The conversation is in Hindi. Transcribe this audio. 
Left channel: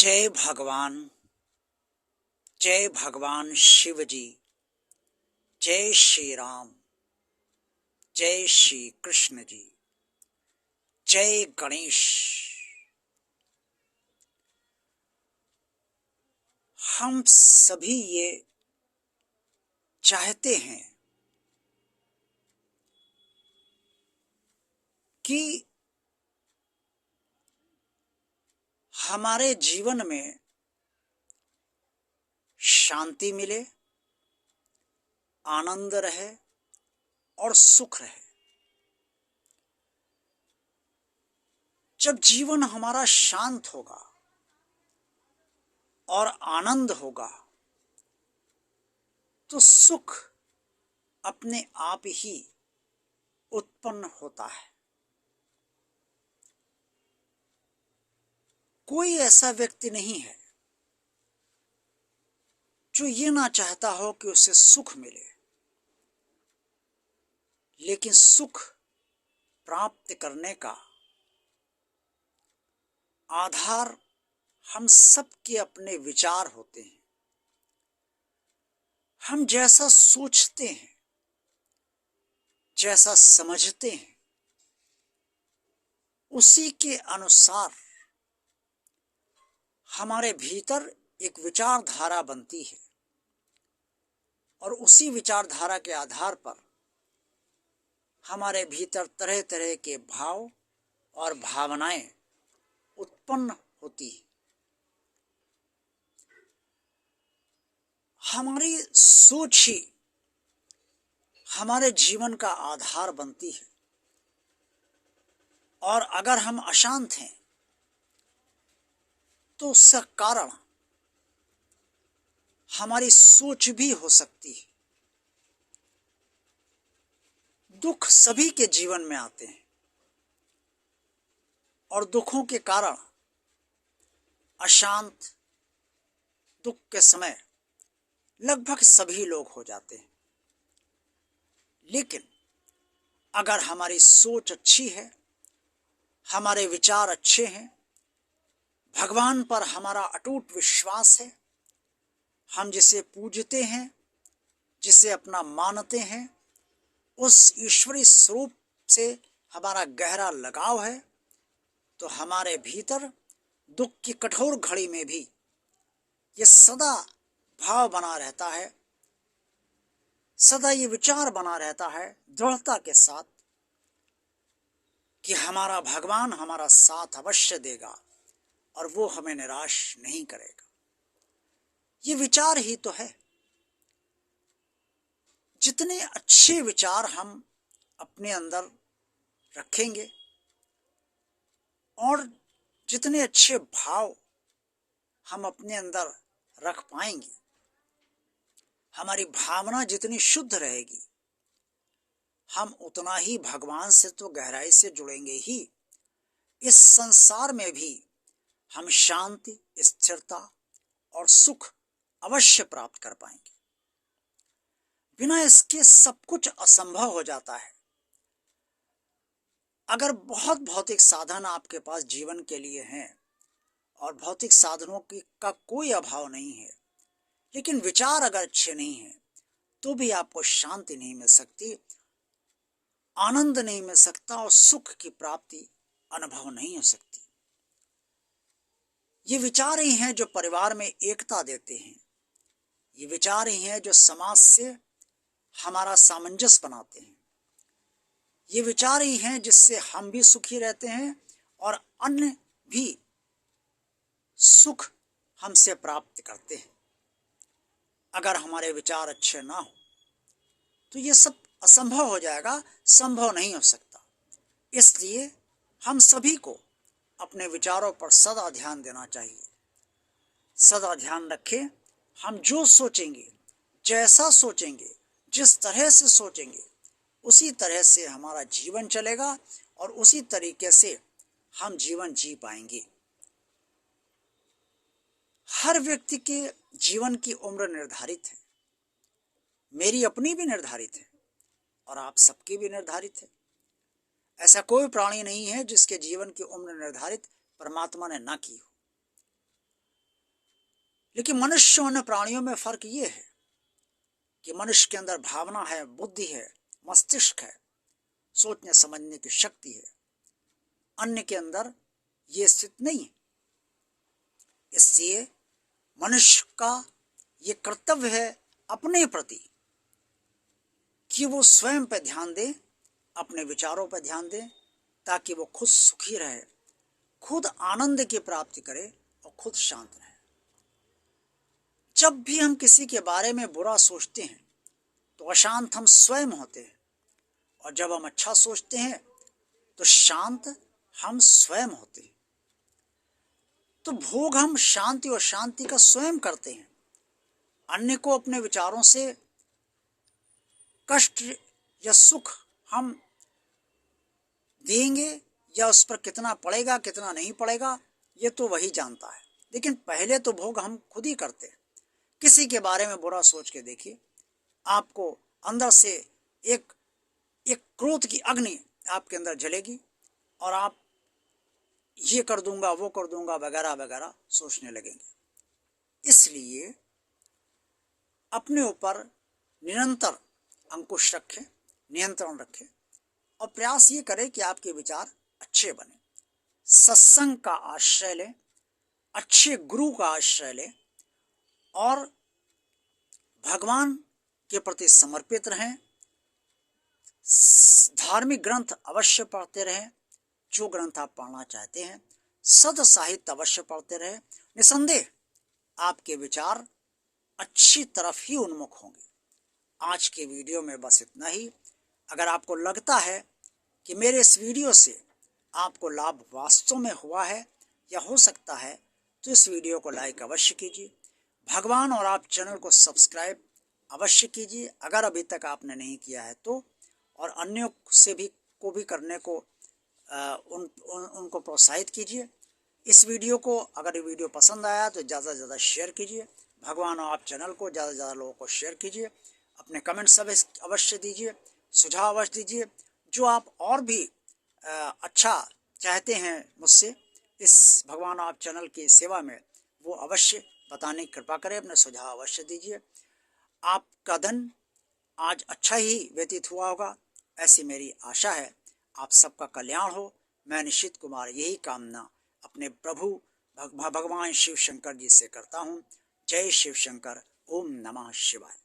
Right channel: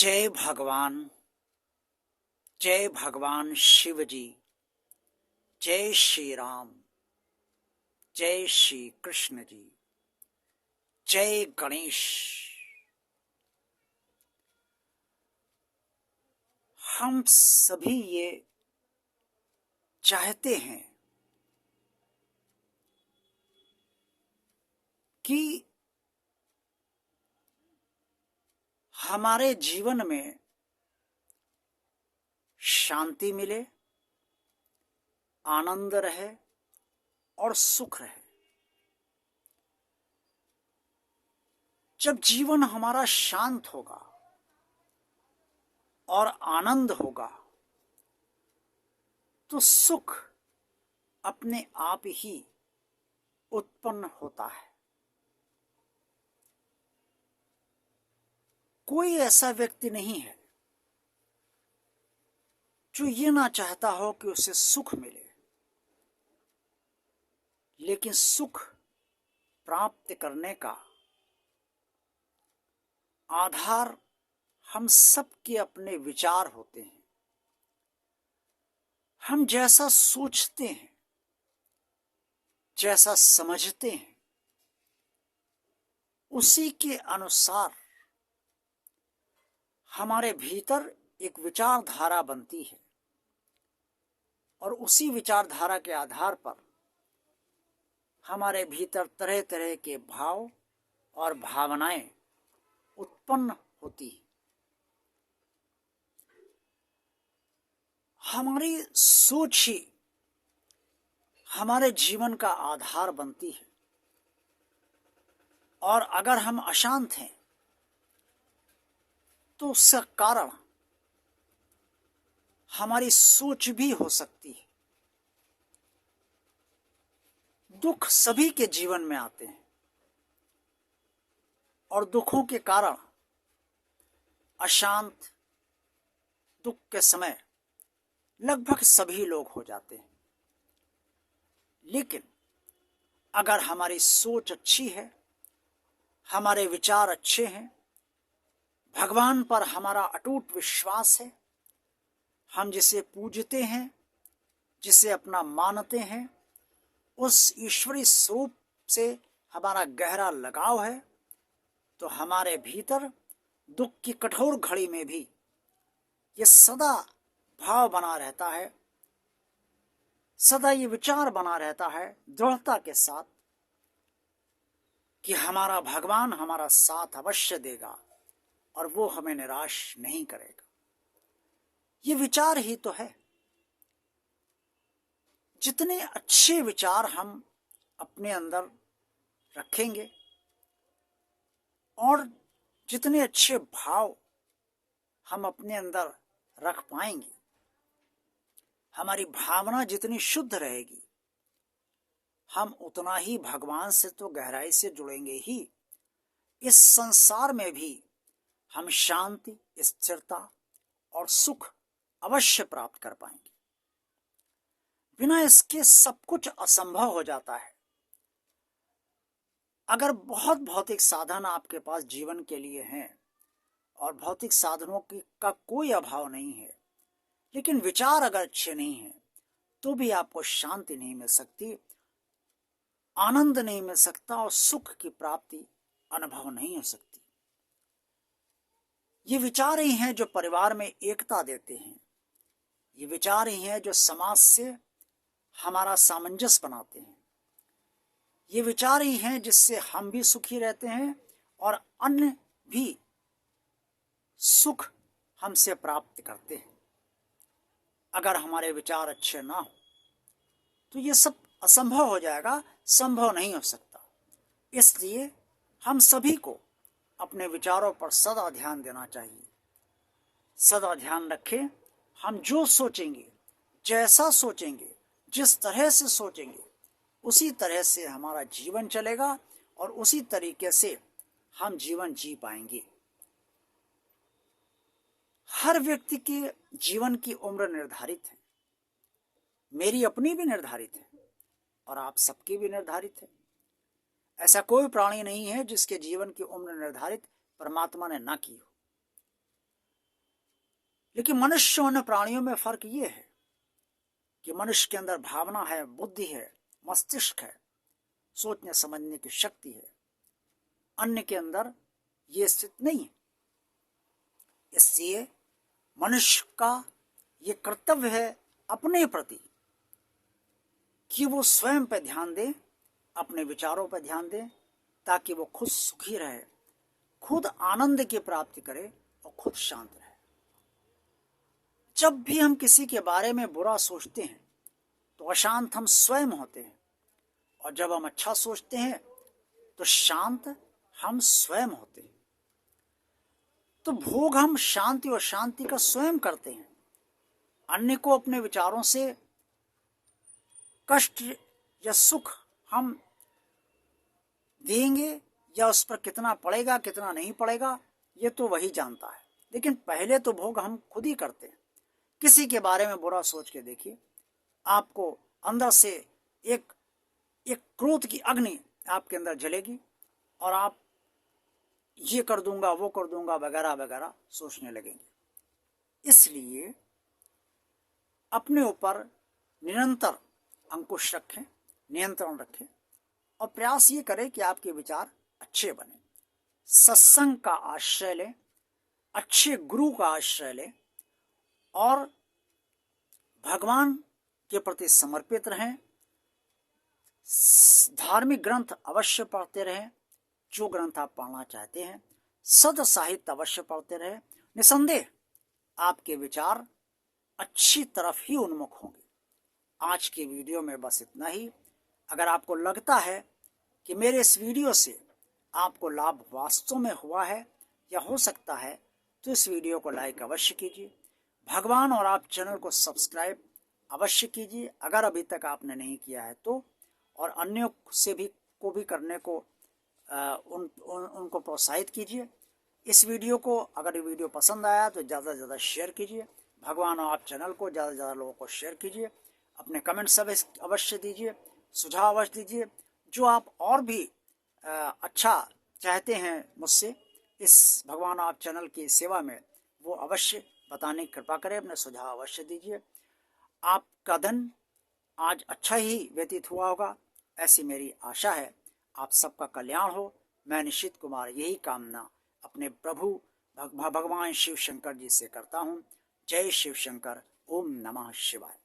जय भगवान। जय भगवान शिव जी। जय श्री राम। जय श्री कृष्ण जी। जय गणेश। हम सभी ये चाहते हैं कि हमारे जीवन में शांति मिले, आनंद रहे और सुख रहे। जब जीवन हमारा शांत होगा और आनंद होगा तो सुख अपने आप ही उत्पन्न होता है। कोई ऐसा व्यक्ति नहीं है जो ये ना चाहता हो कि उसे सुख मिले, लेकिन सुख प्राप्त करने का आधार हम सबके अपने विचार होते हैं। हम जैसा सोचते हैं, जैसा समझते हैं, उसी के अनुसार हमारे भीतर एक विचारधारा बनती है और उसी विचारधारा के आधार पर हमारे भीतर तरह तरह के भाव और भावनाएं उत्पन्न होती है। हमारी सोच ही हमारे जीवन का आधार बनती है और अगर हम अशांत हैं तो उसका कारण हमारी सोच भी हो सकती है। दुख सभी के जीवन में आते हैं और दुखों के कारण अशांत दुख के समय लगभग सभी लोग हो जाते हैं। लेकिन अगर हमारी सोच अच्छी है, हमारे विचार अच्छे हैं, भगवान पर हमारा अटूट विश्वास है, हम जिसे पूजते हैं, जिसे अपना मानते हैं, उस ईश्वरीय स्वरूप से हमारा गहरा लगाव है, तो हमारे भीतर दुख की कठोर घड़ी में भी ये सदा भाव बना रहता है, सदा ये विचार बना रहता है दृढ़ता के साथ कि हमारा भगवान हमारा साथ अवश्य देगा और वो हमें निराश नहीं करेगा। ये विचार ही तो है। जितने अच्छे विचार हम अपने अंदर रखेंगे और जितने अच्छे भाव हम अपने अंदर रख पाएंगे, हमारी भावना जितनी शुद्ध रहेगी, हम उतना ही भगवान से तो गहराई से जुड़ेंगे ही। इस संसार में भी हम शांति, स्थिरता और सुख अवश्य प्राप्त कर पाएंगे। बिना इसके सब कुछ असंभव हो जाता है। अगर बहुत भौतिक साधन आपके पास जीवन के लिए हैं और भौतिक साधनों का कोई अभाव नहीं है, लेकिन विचार अगर अच्छे नहीं हैं तो भी आपको शांति नहीं मिल सकती, आनंद नहीं मिल सकता और सुख की प्राप्ति अनुभव नहीं हो सकती। ये विचार ही हैं जो परिवार में एकता देते हैं। ये विचार ही हैं जो समाज से हमारा सामंजस्य बनाते हैं। ये विचार ही हैं जिससे हम भी सुखी रहते हैं और अन्य भी सुख हमसे प्राप्त करते हैं। अगर हमारे विचार अच्छे ना हो तो ये सब असंभव हो जाएगा, संभव नहीं हो सकता। इसलिए हम सभी को अपने विचारों पर सदा ध्यान देना चाहिए। सदा ध्यान रखें, हम जो सोचेंगे, जैसा सोचेंगे, जिस तरह से सोचेंगे, उसी तरह से हमारा जीवन चलेगा और उसी तरीके से हम जीवन जी पाएंगे। हर व्यक्ति के जीवन की उम्र निर्धारित है। मेरी अपनी भी निर्धारित है और आप सबकी भी निर्धारित है। ऐसा कोई प्राणी नहीं है जिसके जीवन की उम्र निर्धारित परमात्मा ने ना की हो। लेकिन मनुष्य और अन्य प्राणियों में फर्क ये है कि मनुष्य के अंदर भावना है, बुद्धि है, मस्तिष्क है, सोचने समझने की शक्ति है। अन्य के अंदर ये स्थिति नहीं है। इसलिए मनुष्य का ये कर्तव्य है अपने प्रति कि वो स्वयं पर ध्यान दे, अपने विचारों पर ध्यान दे, ताकि वो खुद सुखी रहे, खुद आनंद की प्राप्ति करे और खुद शांत रहे। जब भी हम किसी के बारे में बुरा सोचते हैं तो अशांत हम स्वयं होते हैं, और जब हम अच्छा सोचते हैं तो शांत हम स्वयं होते हैं। तो भोग हम शांति और शांति का स्वयं करते हैं। अन्य को अपने विचारों से कष्ट या सुख हम देंगे या उस पर कितना पड़ेगा कितना नहीं पड़ेगा ये तो वही जानता है, लेकिन पहले तो भोग हम खुद ही करते हैं। किसी के बारे में बुरा सोच के देखिए, आपको अंदर से एक क्रोध की अग्नि आपके अंदर जलेगी और आप ये कर दूंगा वो कर दूंगा वगैरह वगैरह सोचने लगेंगे। इसलिए अपने ऊपर निरंतर अंकुश रखें, नियंत्रण रखें और प्रयास ये करें कि आपके विचार अच्छे बने। सत्संग का आश्रय लें, अच्छे गुरु का आश्रय लें और भगवान के प्रति समर्पित रहें। धार्मिक ग्रंथ अवश्य पढ़ते रहें, जो ग्रंथ आप पढ़ना चाहते हैं। सद साहित्य अवश्य पढ़ते रहें। निसंदेह आपके विचार अच्छी तरफ ही उन्मुख होंगे। आज के वीडियो में बस इतना ही। अगर आपको लगता है कि मेरे इस वीडियो से आपको लाभ वास्तव में हुआ है या हो सकता है, तो इस वीडियो को लाइक अवश्य कीजिए। भगवान और आप चैनल को सब्सक्राइब अवश्य कीजिए अगर अभी तक आपने नहीं किया है तो, और अन्यों से भी को भी करने को उनको प्रोत्साहित कीजिए। इस वीडियो को अगर ये वीडियो पसंद आया तो ज़्यादा से ज़्यादा शेयर कीजिए। भगवान और आप चैनल को ज़्यादा से ज़्यादा लोगों को शेयर कीजिए। अपने कमेंट्स अवश्य दीजिए, सुझाव अवश्य दीजिए। जो आप और भी अच्छा चाहते हैं मुझसे इस भगवान आप चैनल की सेवा में, वो अवश्य बताने की कृपा करें, अपने सुझाव अवश्य दीजिए। आपका दिन आज अच्छा ही व्यतीत हुआ होगा, ऐसी मेरी आशा है। आप सबका कल्याण हो, मैं निशित कुमार यही कामना अपने प्रभु भगवान शिव शंकर जी से करता हूँ। जय शिव शंकर। ओम नमः शिवाय।